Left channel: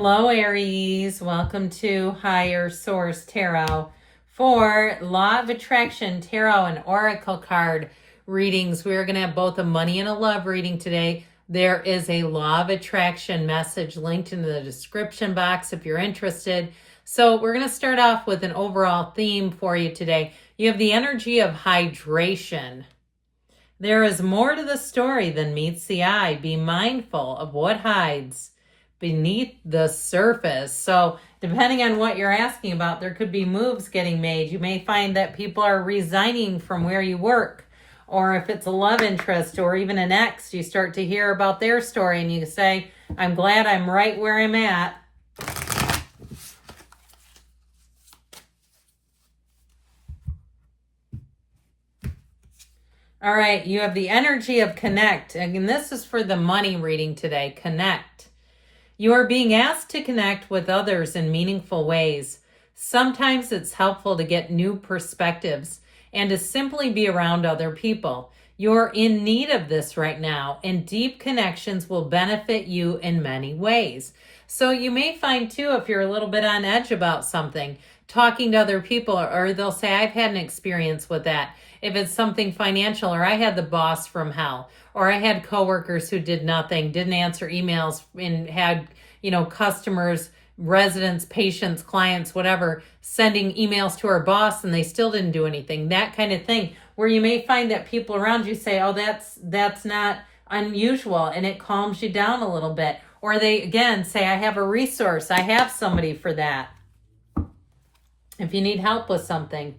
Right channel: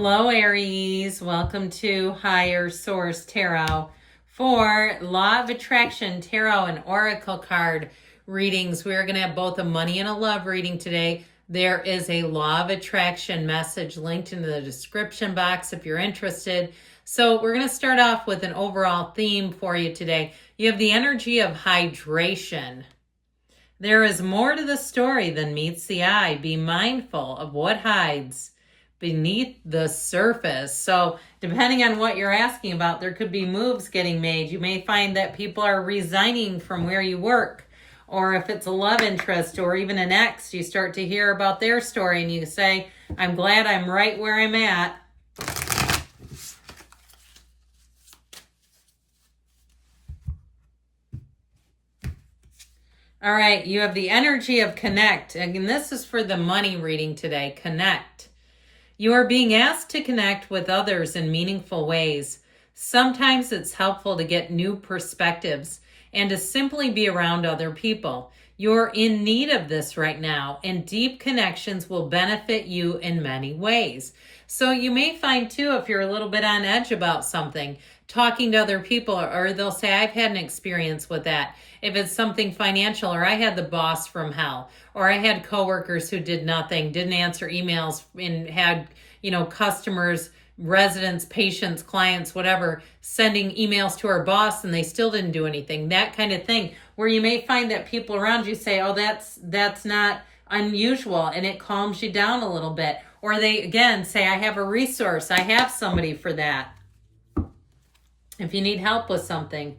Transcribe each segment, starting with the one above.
Hello, Aries. Welcome to Higher Source Tarot for Law of Attraction Tarot and Oracle card readings. We're going to have both a money and a love reading today. There is a Law of Attraction message linked in the description box if you're interested. So we're going to start off with an overall theme for you today. You have the energy of hydration. There is more to the story than meets the eye. Be mindful of what hides beneath the surface. So depending on what you're asking about, there could be moves getting made. You may find that people are resigning from where you work, or if it's a love interest or even an ex, you start to hear about their story and you say, I'm glad I'm right where I'm at. All right, you have the energy of connect. And this is for the money reading today. Connect. You are being asked to connect with others in meaningful ways. Sometimes it's helpful to get new perspectives and to simply be around other people. You're in need of this right now, and deep connections will benefit you in many ways. So you may find too, if you're a little bit on edge about something, talking to other people, or they'll say, I've had an experience with that. If it's something financial, or I had the boss from hell, or I had coworkers who did nothing, didn't answer emails, and had, customers, residents, patients, clients, whatever, sending emails to our boss and they still didn't do anything. That kind of thing, where you may find that people around you say, oh, that's not unusual, and it calms you down a little bit. Or they, again, say, I have a resource. I have somebody for that. If you need help with something.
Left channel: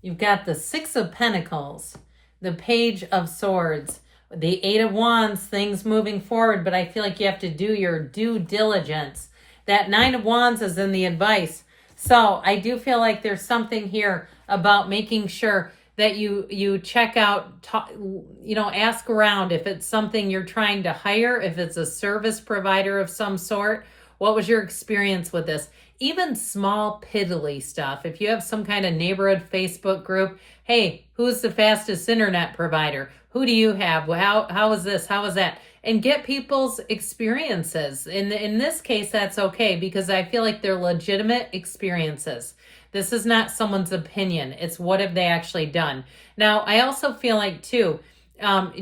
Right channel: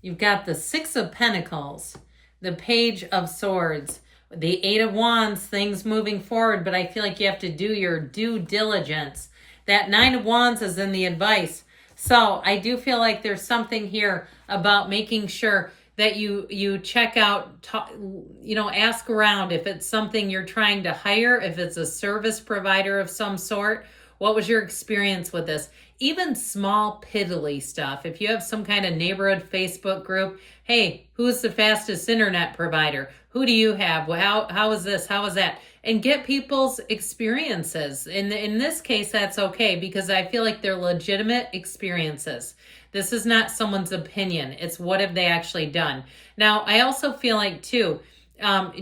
You've got the Six of Pentacles, the Page of Swords, the Eight of Wands, things moving forward, but I feel like you have to do your due diligence. That Nine of Wands is in the advice. So I do feel like there's something here about making sure that you check out, ask around if it's something you're trying to hire, if it's a service provider of some sort. What was your experience with this? Even small piddly stuff. If you have some kind of neighborhood Facebook group, hey, who's the fastest internet provider? Who do you have? How is this? How is that? And get people's experiences. In this case, that's okay, because I feel like they're legitimate experiences. This is not someone's opinion. It's what have they actually done. Now, I also feel like, too,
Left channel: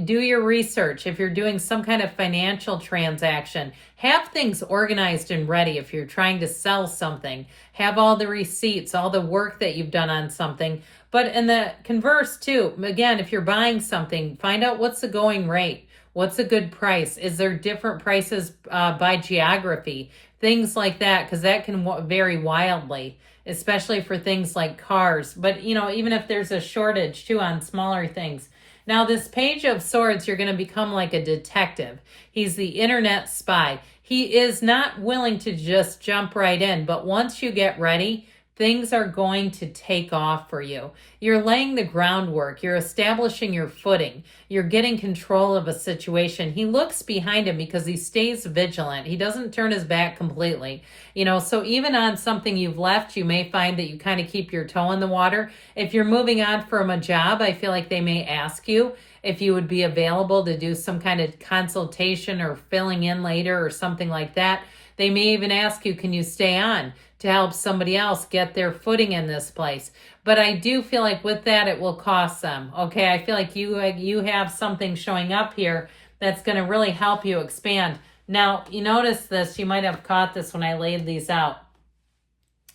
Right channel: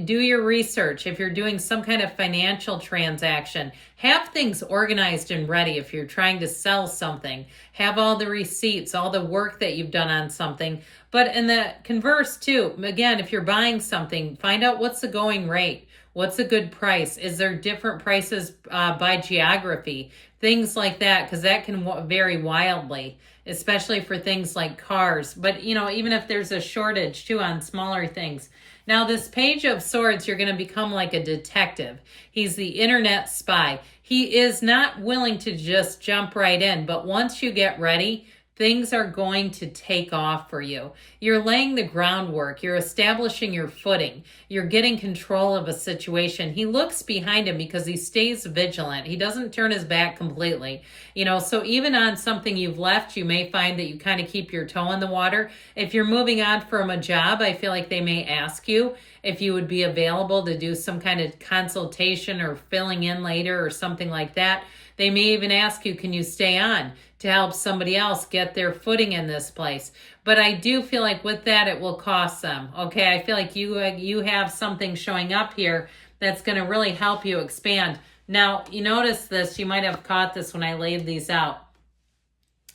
do your research. If you're doing some kind of financial transaction, have things organized and ready. If you're trying to sell something, have all the receipts, all the work that you've done on something. But in the converse too, again, if you're buying something, find out what's the going rate. What's a good price? Is there different prices by geography? Things like that, because that can vary wildly, especially for things like cars. But, even if there's a shortage too on smaller things. Now, this Page of Swords, you're going to become like a detective. He's the internet spy. He is not willing to just jump right in, but once you get ready, things are going to take off for you. You're laying the groundwork. You're establishing your footing. You're getting control of a situation. He looks behind him because he stays vigilant. He doesn't turn his back completely. So even on something you've left, you may find that you kind of keep your toe in the water. If you're moving on from a job, I feel like they may ask you if you would be available to do some kind of consultation or filling in later or something like that. They may even ask you, can you stay on to help somebody else get their footing in this place? But I do feel like with that, it will cost them. Okay, I feel like you have something showing up here that's going to really help you expand. Now, you notice this, you might have caught this when I laid these out.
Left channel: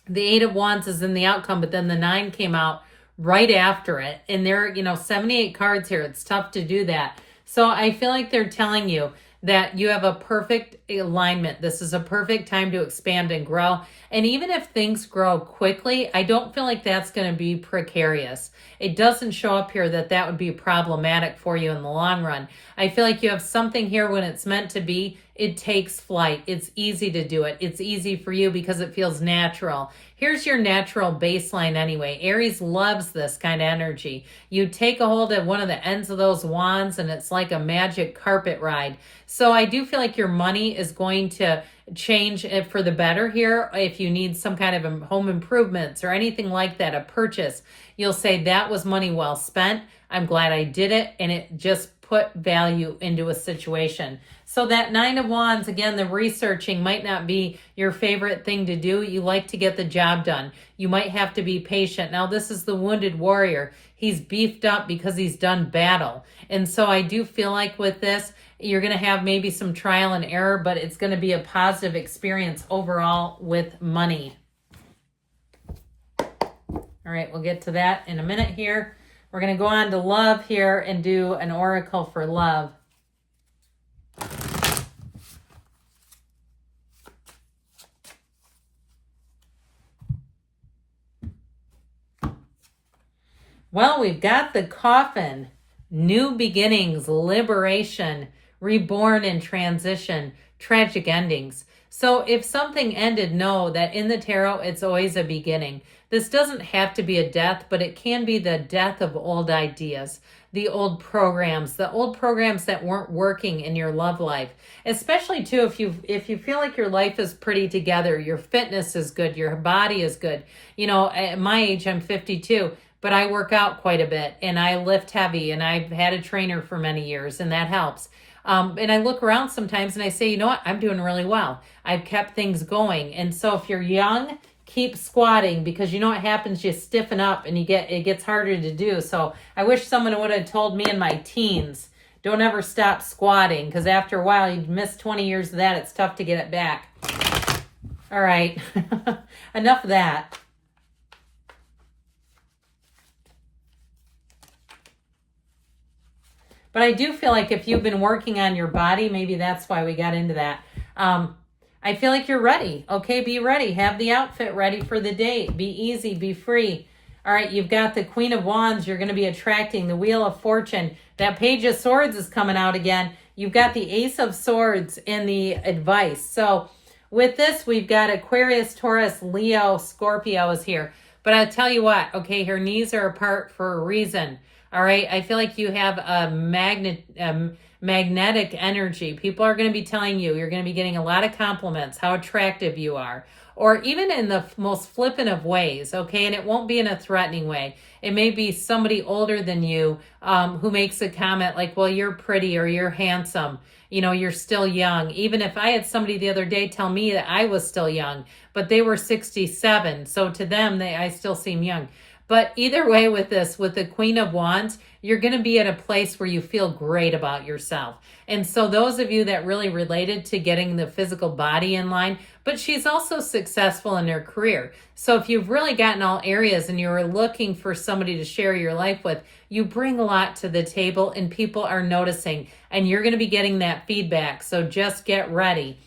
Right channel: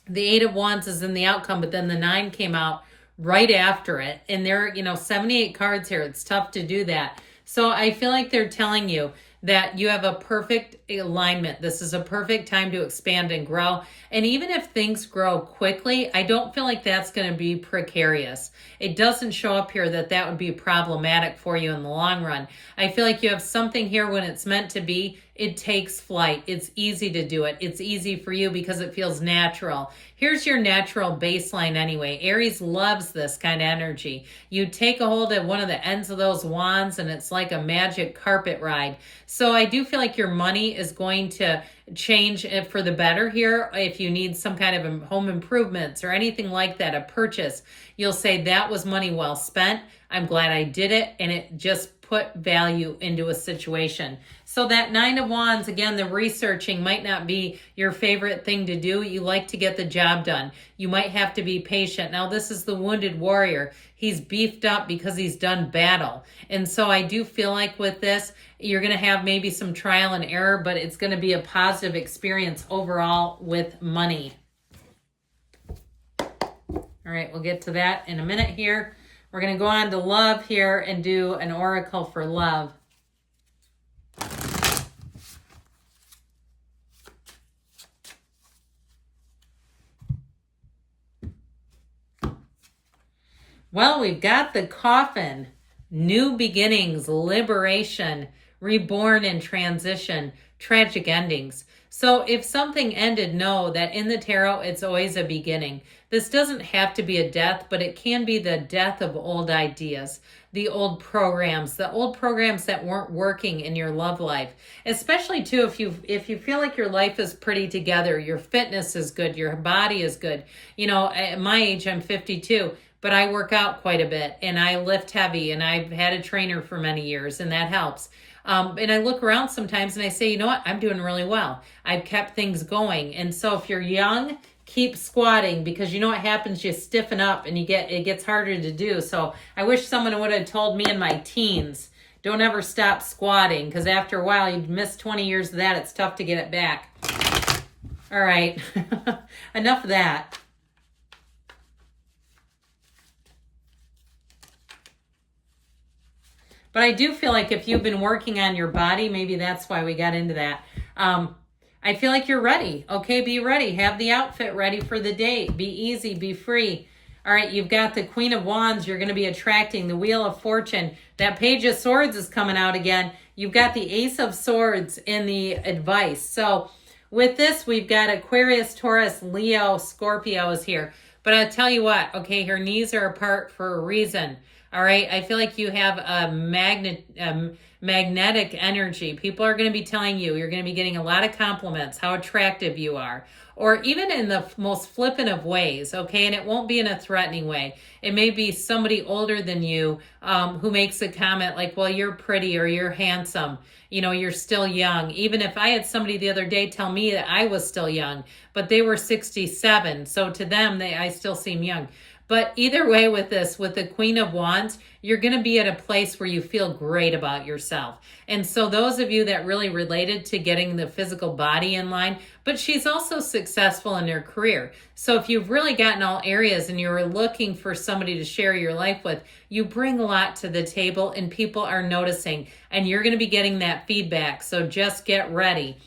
The Eight of Wands is in the outcome, but then the Nine came out right after it. And there are, 78 cards here. It's tough to do that. So I feel like they're telling you that you have a perfect alignment. This is a perfect time to expand and grow. And even if things grow quickly, I don't feel like that's going to be precarious. It doesn't show up here that would be problematic for you in the long run. I feel like you have something here when it's meant to be. it takes flight. It's easy to do it. It's easy for you because it feels natural. Here's your natural baseline anyway. Aries loves this kind of energy. You take a hold of one of the ends of those wands and it's like a magic carpet ride. So I do feel like your money is going to change it for the better here. If you need some kind of home improvements or anything like that, a purchase, you'll say that was money well spent. I'm glad I did it, and it just put value into a situation. So that Nine of Wands, again, the researching might not be your favorite thing to do. You like to get the job done. You might have to be patient. Now, this is the wounded warrior. He's beefed up because he's done battle. And so I do feel like with this, you're going to have maybe some trial and error, but it's going to be a positive experience overall with money. All right, we'll get to that in a minute here. We're going to go on to love here and do an oracle for love. Well, we've got the coffin, new beginnings, liberation, reborn and transition, tragic endings. So if something ended, know that in the tarot, it's always a beginning. This doesn't have to be a death, but it can be the death of old ideas, the old programs that weren't working in your love life. Especially too, if you feel like your life is pretty together, your fitness is good, your body is good. You know, at my age, I'm 52. But I work out quite a bit and I lift heavy and I've had a trainer for many years and that helps. And I look around sometimes and I say, you know what, I'm doing really well. I've kept things going. And so if you're young, keep squatting because you know what happens, you stiffen up and it gets harder to do. So I wish someone would have told me in my teens, don't ever stop squatting because after a while you miss 20 years of that, it's tough to get it back. All right, enough of that. But I do feel like if you've been working on your body, maybe that's why we got into that. I feel like you're ready. Okay, be ready. Have the outfit ready for the date. Be easy, be free. All right, you've got the Queen of Wands. You're going to be attracting the Wheel of Fortune. That Page of Swords is coming out again. You've got the Ace of Swords in the advice. So with this, we've got Aquarius, Taurus, Leo, Scorpio is here. But I'll tell you what, okay, her knees are apart for a reason. All right, I feel like you have a magnetic energy. People are going to be telling you, you're going to be getting a lot of compliments, how attractive you are, or even in the most flippant of ways, okay? And it won't be in a threatening way. It may be somebody older than you who makes a comment like, well, you're pretty or you're handsome. You know, you're still young. Even if I had somebody the other day tell me that I was still young, but they were 67. So to them, I still seem young. But either way with this, with the Queen of Wands, you're going to be at a place where you feel great about yourself. And so those of you that really related to getting the physical body in line, but she's also successful in her career. So if you've really gotten all areas and you're looking for somebody to share your life with, you bring a lot to the table and people are noticing and you're going to be getting that feedback. So just get ready.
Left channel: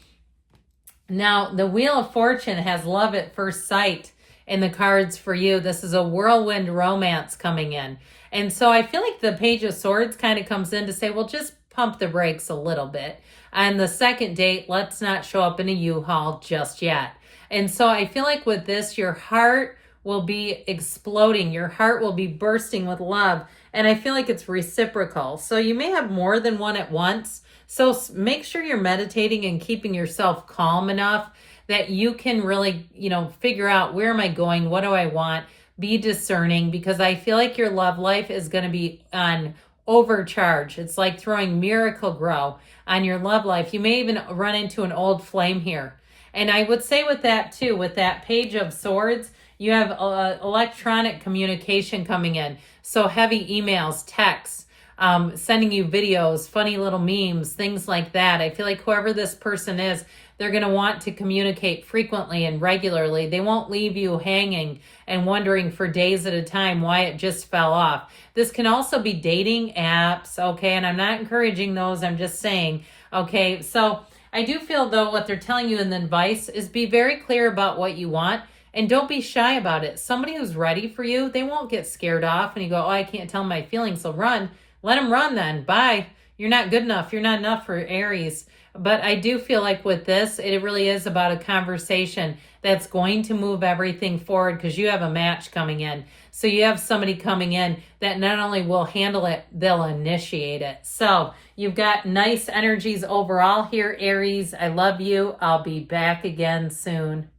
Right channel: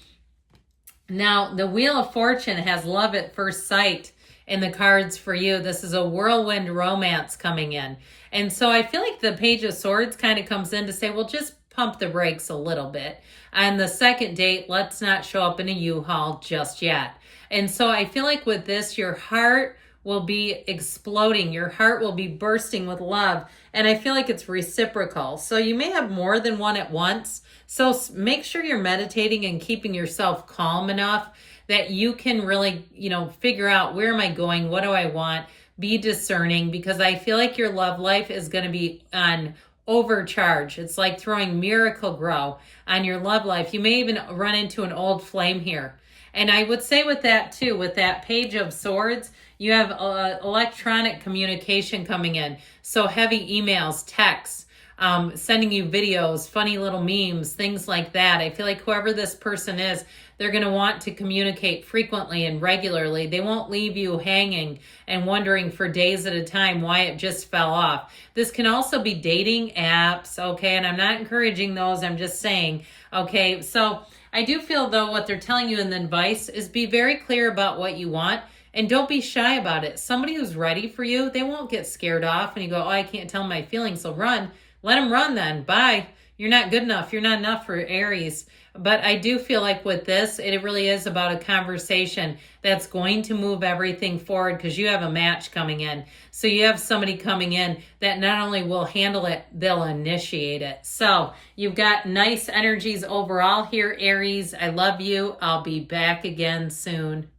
Now, the Wheel of Fortune has love at first sight in the cards for you. This is a whirlwind romance coming in. And so I feel like the Page of Swords kind of comes in to say, well, just pump the brakes a little bit. On the second date, let's not show up in a U-Haul just yet. And so I feel like with this, your heart will be exploding. Your heart will be bursting with love. And I feel like it's reciprocal. So you may have more than one at once. So make sure you're meditating and keeping yourself calm enough that you can really, figure out, where am I going? What do I want? Be discerning, because I feel like your love life is going to be on overcharge. It's like throwing Miracle Grow on your love life. You may even run into an old flame here. And I would say with that too, with that Page of Swords, you have electronic communication coming in. So heavy emails, texts, sending you videos, funny little memes, things like that. I feel like whoever this person is, they're going to want to communicate frequently and regularly. They won't leave you hanging and wondering for days at a time why it just fell off. This can also be dating apps, okay? And I'm not encouraging those. I'm just saying, okay? So I do feel, though, what they're telling you in the advice is be very clear about what you want and don't be shy about it. Somebody who's ready for you, they won't get scared off and you go, oh, I can't tell my feelings, so run. Let them run then. Bye. You're not good enough. You're not enough for Aries. But I do feel like with this, it really is about a conversation that's going to move everything forward, because you have a match coming in. So you have somebody coming in that not only will handle it, they'll initiate it. So you've got nice energies overall here, Aries. I love you. I'll be back again soon.